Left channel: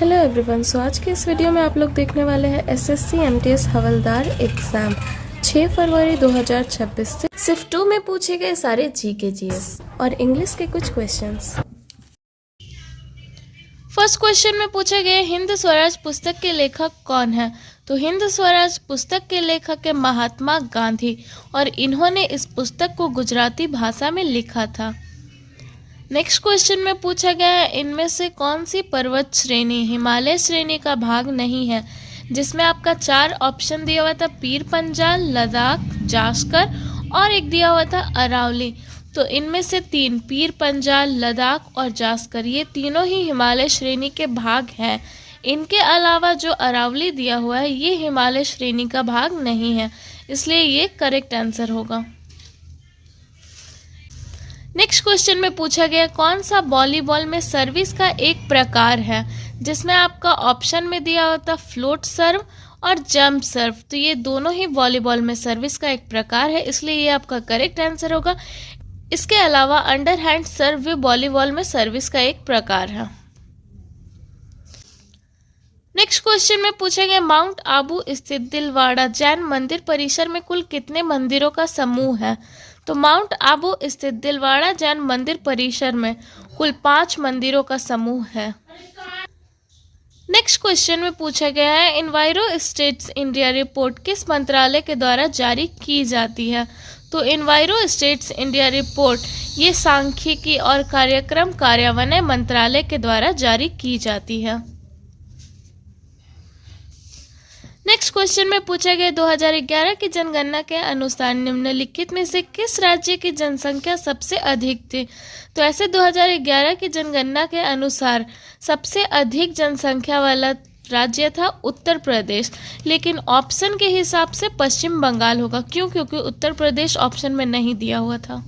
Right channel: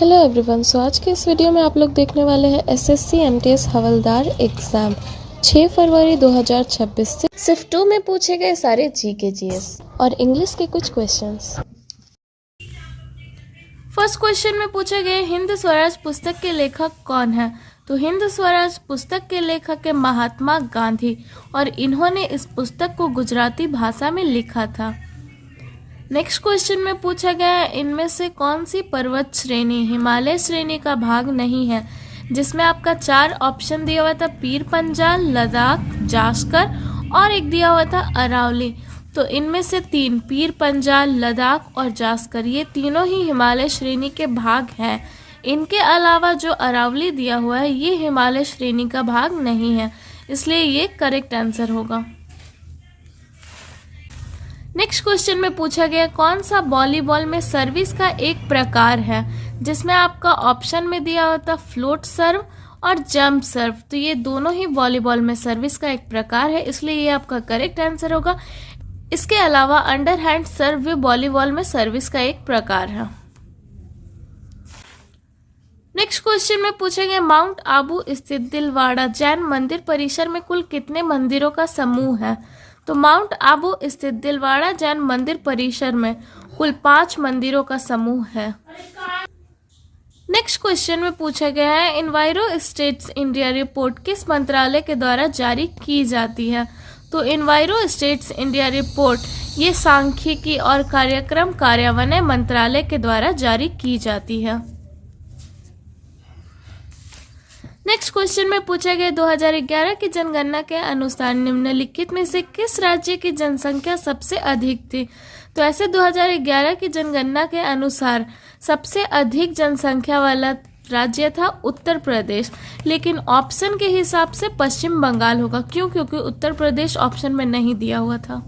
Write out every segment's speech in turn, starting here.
Hello everyone. सो आज के इस वीडियो में आप लोग देखने वाले हैं एसएससी एमटीएस हवलदार एग्ज़ाम 6 फरवरी 2026 से सिर्फ 2 में पूछे गए सारे जीके जीएस और इंग्लिश के कुछ क्वेश्चंस। फर्स्ट क्वेश्चन में पूछे गए हिंद स्वराज पुस्तक के लेखक कौन है। तो हिंद स्वराज पुस्तक के लेखक है महात्मा गांधी और इन्होंने इस पुस्तक को गुजराती भाषा में लिखा था। नेक्स्ट क्वेश्चन में पूछा गया है इनमें से कौन सी पर्वत श्रेणी हिमालय श्रेणी का भाग नहीं है, जिसमें आपका 4 ऑप्शन दिया हुआ था पीर पंजाल, लद्दाख, जास्कर और एक दिया हुआ था अरावली। तो इनमें से 3 पीर पंजाल, लद्दाख और जास्कर ये तीनों ही हिमालय श्रेणी के भाग हैं। इनके अलावा जो अरावली दिया हुआ है ये हिमालय श्रेणी का भाग नहीं है, इसलिए ये करेक्ट आंसर होगा। नेक्स्ट क्वेश्चन में पूछा गया कौन सा वॉलीबॉल में सर्विस का एक प्रकार है, जिसमें आपका ऑप्शन में दिया होता फ्लोट सर्व और जंप सर्व। तो ये दोनों ही वॉलीबॉल में सर्विस का एक प्रकार है, इसलिए ये आपका करेक्ट आंसर होगा। इसके अलावा अंडरहैंड सर्व भी वॉलीबॉल में सर्विस का एक प्रकार है। नेक्स्ट क्वेश्चन में पूछा गया माउंट आबू स्थित दिलवाड़ा जैन मंदिर परिसर में कुल कितने मंदिरों का समूह है। तो माउंट आबू स्थित दिलवाड़ा जैन मंदिर परिसर में कुल 5 मंदिरों का समूह है। नेक्स्ट क्वेश्चन में पूछा गया है इन्वायरो स्टेट्स इंडिया रिपोर्ट किस मंत्रालय के द्वारा जारी की जाती है। तो इन्वायरो स्टेट्स इंडिया रिपोर्ट ये सांख्यिकी और कार्यक्रम कार्यान्वयन मंत्रालय के द्वारा जारी की जाती है। नेक्स्ट क्वेश्चन में पूछा गया 2011 की जनगणना के अनुसार निम्नलिखित में से किस राज्य की जनसंख्या सबसे अधिक थी। तो ऐसे 2011 की जनगणना के अनुसार सबसे अधिक जनसंख्या वाला राज्य था उत्तर प्रदेश, लेकिन ऑप्शन के हिसाब से पश्चिम बंगाल होगा। क्यों? क्योंकि उत्तर प्रदेश ऑप्शन में नहीं दिया हुआ था।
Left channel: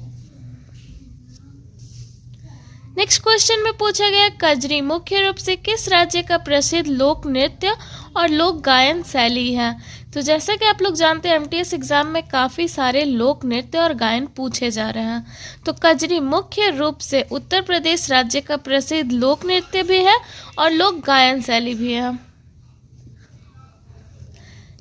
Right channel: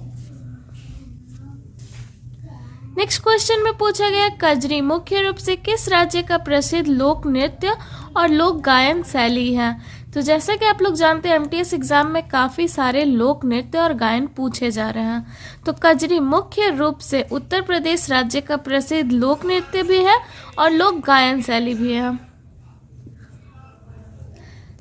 नेक्स्ट क्वेश्चन में पूछा गया कजरी मुख्य रूप से किस राज्य का प्रसिद्ध लोक नृत्य और लोक गायन शैली है। तो जैसा कि आप लोग जानते हैं एमटीएस एग्जाम में काफ़ी सारे लोक नृत्य और गायन पूछे जा रहे हैं। तो कजरी मुख्य रूप से उत्तर प्रदेश राज्य का प्रसिद्ध लोक नृत्य भी है और लोक गायन शैली भी है।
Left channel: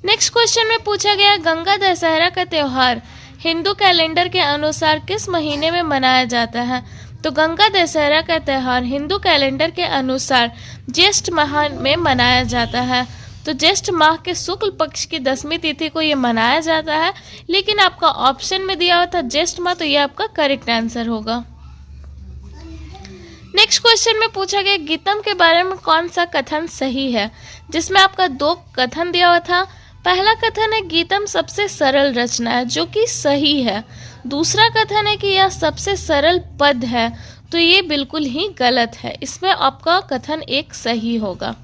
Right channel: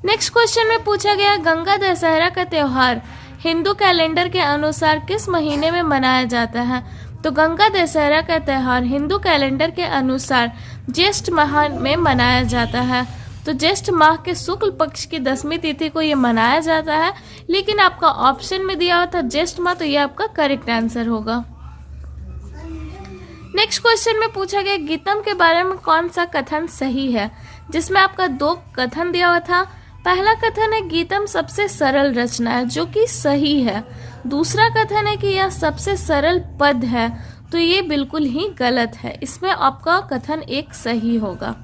नेक्स्ट क्वेश्चन में पूछा गया गंगा दशहरा का त्योहार हिंदू कैलेंडर के अनुसार किस महीने में मनाया जाता है। तो गंगा दशहरा का त्योहार हिंदू कैलेंडर के अनुसार ज्येष्ठ माह में मनाया जाता है। तो ज्येष्ठ माह के शुक्ल पक्ष की 10वीं तिथि को ये मनाया जाता है, लेकिन आपका ऑप्शन में दिया हुआ था ज्येष्ठ माह, तो ये आपका करेक्ट आंसर होगा। नेक्स्ट क्वेश्चन में पूछा गया गीतम के बारे में कौन सा कथन सही है, जिसमें आपका 2 कथन दिया हुआ था। पहला कथन है गीतम सबसे सरल रचना है, जो कि सही है। दूसरा कथन है कि यह सबसे सरल पद है, तो ये बिल्कुल ही गलत है। इसमें आपका कथन 1 सही होगा।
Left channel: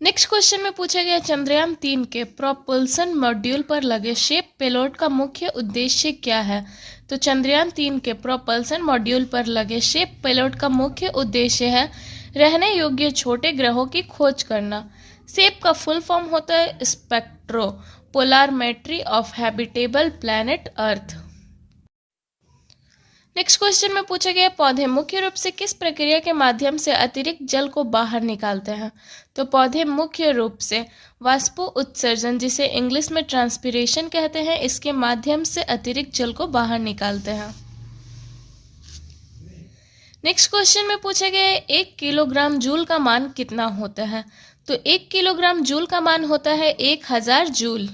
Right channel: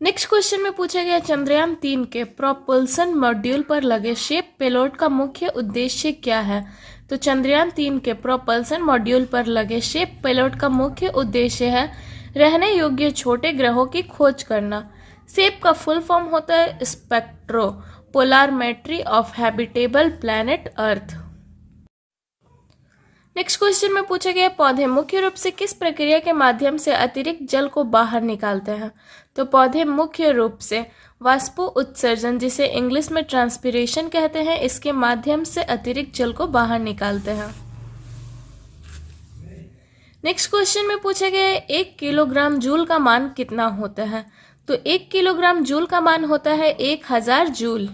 नेक्स्ट क्वेश्चन में पूछा गया चंद्रयान 3 के प्रोपल्सन मॉड्यूल पर लगे शेप पेलोड का मुख्य उद्देश्य क्या है। तो चंद्रयान 3 के प्रोपल्सन मॉड्यूल पर लगे शेप पेलोड का मुख्य उद्देश्य है रहने योग्य छोटे ग्रहों की खोज करना। शेप का फुल फॉर्म होता है spectropolarimetry of habitable planet Earth. Next question में पूछा गया पौधे मुख्य रूप से किस प्रक्रिया के माध्यम से अतिरिक्त जल को बाहर निकालते हैं। तो पौधे मुख्य रूप से वाष्पो उत्सर्जन, जिसे इंग्लिश में ट्रांसपिरेशन कहते हैं, इसके माध्यम से अतिरिक्त जल को बाहर निकालते हैं। नेक्स्ट क्वेश्चन में पूछा गया 1 किलोग्राम जूल का मान कितना होता है। तो 1 किलोग्राम जूल का मान होता है 1000 जूल।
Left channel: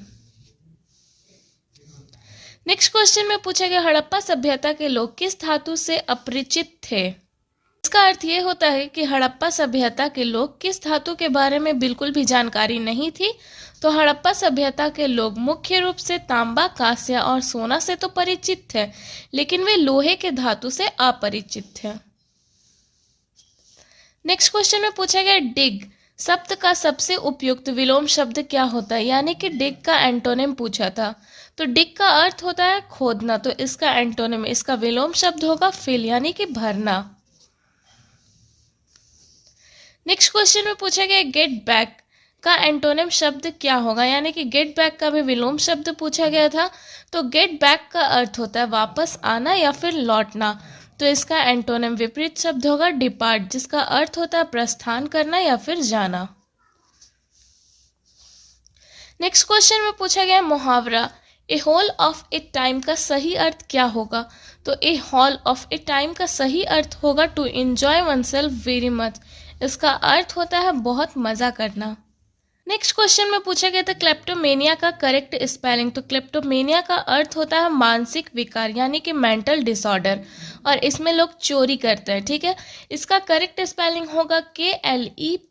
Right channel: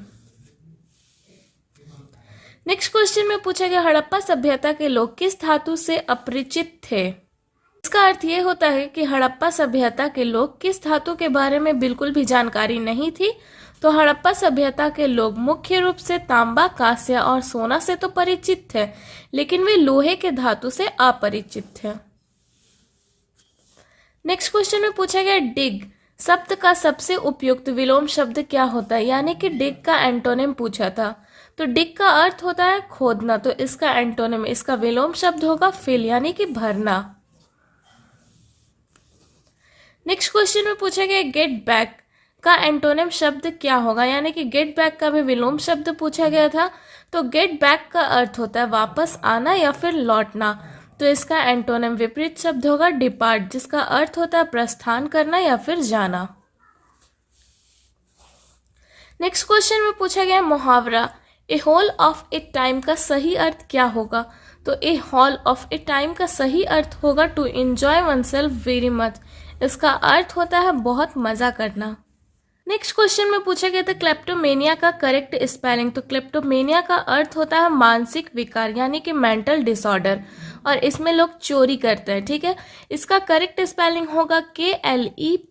नेक्स्ट क्वेश्चन में पूछा गया हड़प्पा सभ्यता के लोग किस धातु से अपरिचित थे। इसका अर्थ ये होता है कि हड़प्पा सभ्यता के लोग किस धातु के बारे में बिल्कुल भी जानकारी नहीं थी। तो हड़प्पा सभ्यता के लोग मुख्य रूप से तांबा, कांस्य और सोना से तो परिचित थे, लेकिन वे लोहे के धातु से अपरिचित थे। नेक्स्ट क्वेश्चन में पूछा गया डिग शब्द का सबसे उपयुक्त विलोम शब्द क्या होता है, यानी कि डिग का एंटोनिम पूछा था। तो डिग का अर्थ होता है खोदना, तो इसका एंटोनिम, इसका विलोम शब्द होगा फिल, यानी कि भरना। नेक्स्ट क्वेश्चन में पूछा गया गेट बैक का एंटोनिम शब्द क्या होगा, यानी कि गेट बैक का भी विलोम शब्द पूछा गया था। तो गेट बैक का अर्थ होता है वापस आना या फिर लौटना। तो इसका एंटोनिम विपरीत शब्द होगा डिपार्ट, जिसका अर्थ होता है प्रस्थान करना या फिर जाना। नेक्स्ट क्वेश्चन में पूछा गया मुहावरा a whole of a time का सही अर्थ क्या होगा? तो a whole of a time का सही अर्थ होगा to enjoy oneself very much. इसका अर्थ होता है बहुत मजा करना। नेक्स्ट क्वेश्चन में पूछा गया था क्लेप्टोमेनिया का करेक्ट स्पेलिंग। तो क्लेप्टोमेनिया का अर्थ होता है मानसिक विकार यानी कि मेंटल डिसऑर्डर, और इसमें लोग चोरी करते हैं, ठीक है। इसका करेक्ट स्पेलिंग होगा KLEPTOMANIA।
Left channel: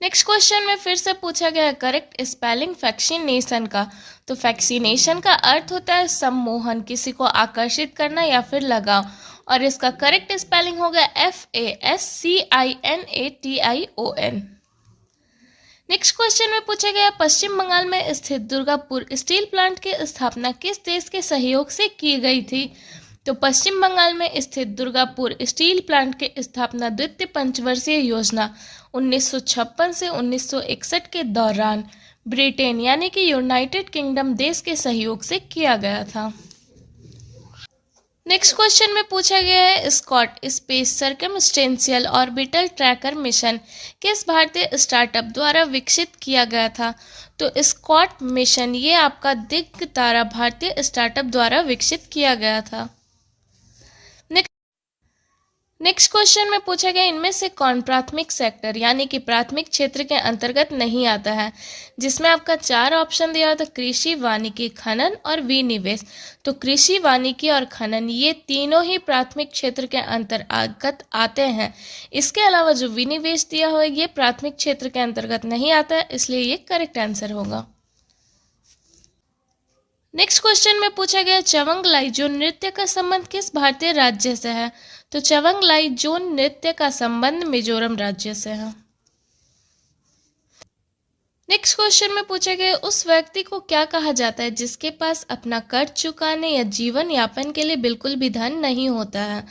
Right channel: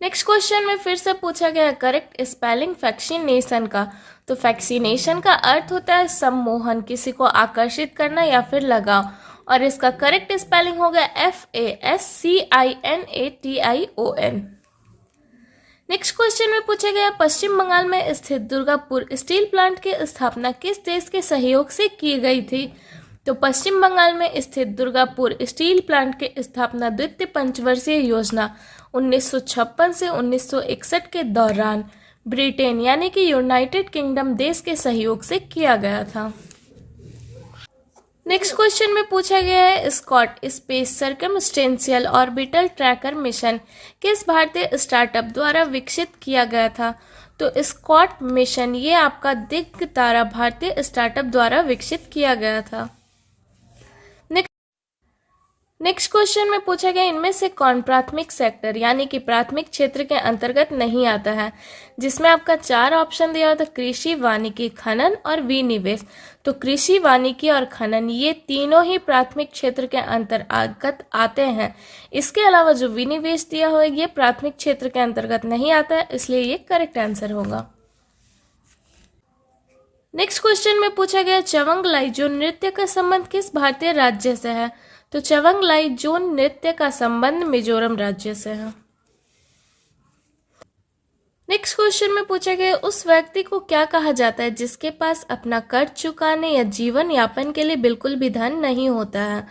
नेक्स्ट क्वेश्चन में फिर से पूछा गया है करेक्ट स्पेलिंग वैक्सीनेशन का। तो वैक्सीनेशन का अर्थ होता है सम्मोहन, किसी को आकर्षित करना या फिर लगाव, और इसका करेक्ट स्पेलिंग होगा FASCINATION। नेक्स्ट क्वेश्चन में पूछा गया पश्चिम बंगाल में स्थित दुर्गापुर स्टील प्लांट की स्थापना किस देश के सहयोग से की गई थी? तो पश्चिम बंगाल में स्थित दुर्गापुर स्टील प्लांट की स्थापना द्वितीय पंचवर्षीय योजना 1956 से 1961 के दौरान ब्रिटेन यानी कि यूनाइटेड किंगडम देश के सहयोग से किया गया था। नेक्स्ट क्वेश्चन में पूछा गया है Scot space circumstantial orbital tracker mission किस भारतीय स्टार्टअप द्वारा विकसित किया गया था? तो स्कॉट मिशन ये आपका दिग्ग तारा भारतीय स्टार्टअप द्वारा विकसित किया गया था। नेक्स्ट क्वेश्चन में पूछा गया इनमें से कौन प्राथमिक सेक्टर यानी कि प्राथमिक क्षेत्र के अंतर्गत नहीं आता है? जिसमें आपका 4 ऑप्शन दिया था कृषि, वानिकी, खनन और विनिवेश। तो कृषि, वानिकी और खनन ये तीनों ही प्राथमिक क्षेत्र के अंतर्गत आते हैं। इसके अलावा जो विनिवेश दिया हुआ है ये प्राथमिक क्षेत्र के अंतर्गत नहीं आता है, इसलिए ये करेक्ट आंसर होगा। नेक्स्ट क्वेश्चन में पूछा गया चवंग लाइजो नृत्य का संबंध किस भारतीय राज्य से है? तो चवंग लाइजो नृत्य का संबंध मिजोरम राज्य से है। नेक्स्ट क्वेश्चन में पूछा गया उस व्यक्ति को क्या कहा जाता है जिसके पास अपना कर्ज चुकाने या जीवन यापन के लिए बिल्कुल भी धन नहीं होता है?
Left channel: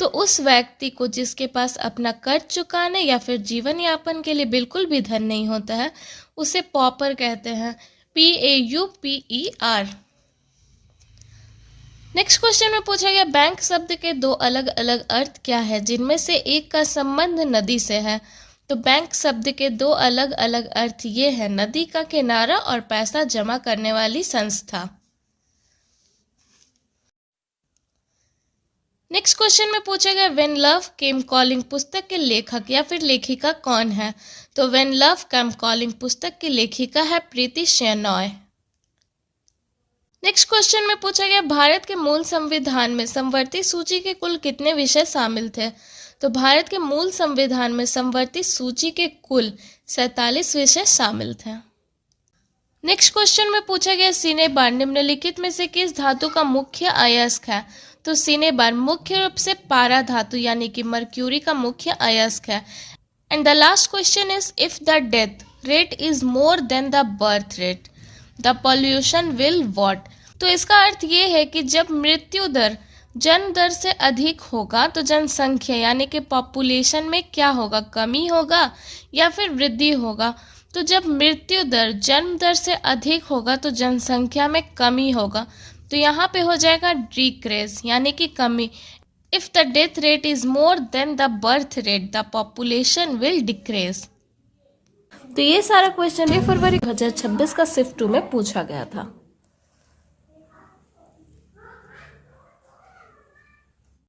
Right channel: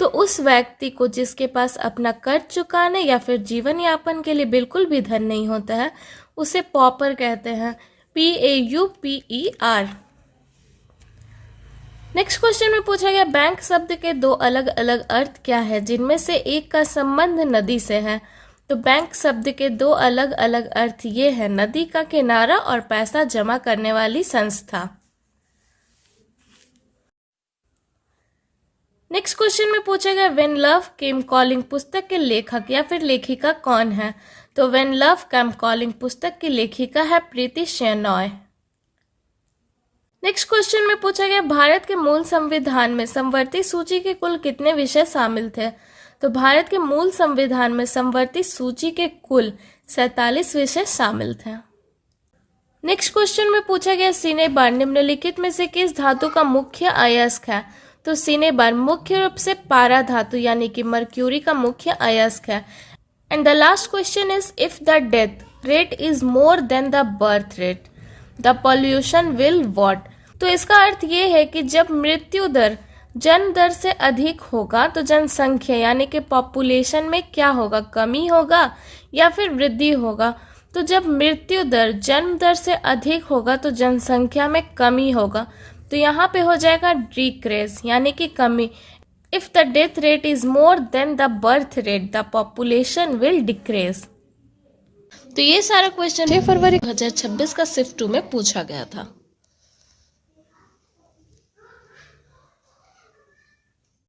तो उस व्यक्ति को जिसके पास अपना कर्ज चुकाने या फिर जीवन यापन के लिए बिल्कुल भी धन नहीं होता है उसे पॉपर कहते हैं, PAUPER। नेक्स्ट क्वेश्चन में पूछा गया बैंक शब्द के 2 अलग अलग अर्थ क्या है जिनमें से एक का संबंध नदी से है? तो बैंक शब्द के 2 अलग अलग अर्थ ये है नदी का किनारा और पैसा जमा करने वाली संस्था। नेक्स्ट क्वेश्चन में पूछा गया व्हेन लव केम कॉलिंग पुस्तक के लेखक या फिर लेखिका कौन है? तो व्हेन लव केम कॉलिंग पुस्तक की लेखिका है प्रीति शेनॉय। नेक्स्ट क्वेश्चन में पूछा गया भारत के मूल संविधान में समवर्ती सूची के कुल कितने विषय शामिल थे? तो भारत के मूल संविधान में समवर्ती सूची के कुल 47 विषय शामिल थे। नेक्स्ट क्वेश्चन में पूछा गया सिनेबार निम्नलिखित में से किस धातु का मुख्य अयस्क है? तो सिनेबार मुख्य रूप से पारा धातु यानी कि मर्क्यूरी का मुख्य अयस्क है। And the last question is if the death rate is more than the birth rate the pollution will what? तो इसका अर्थ ये है कि जब मृत्यु दर जन्म दर से अधिक होगा तो जनसंख्या यानी कि पॉपुलेशन में क्या होगा, कमी होगा या फिर वृद्धि होगा? तो जब मृत्यु दर जन्म दर से अधिक होगा तो जनसंख्या में कमी होगा, तो यहाँ पे हो जाएगा डिक्रीज यानी कि कमी। If the death rate is more than the birth rate the population will decrease. तो ये सारा क्वेश्चन 6 फरवरी 2026 का शिफ्ट 2 में पूछा गया था।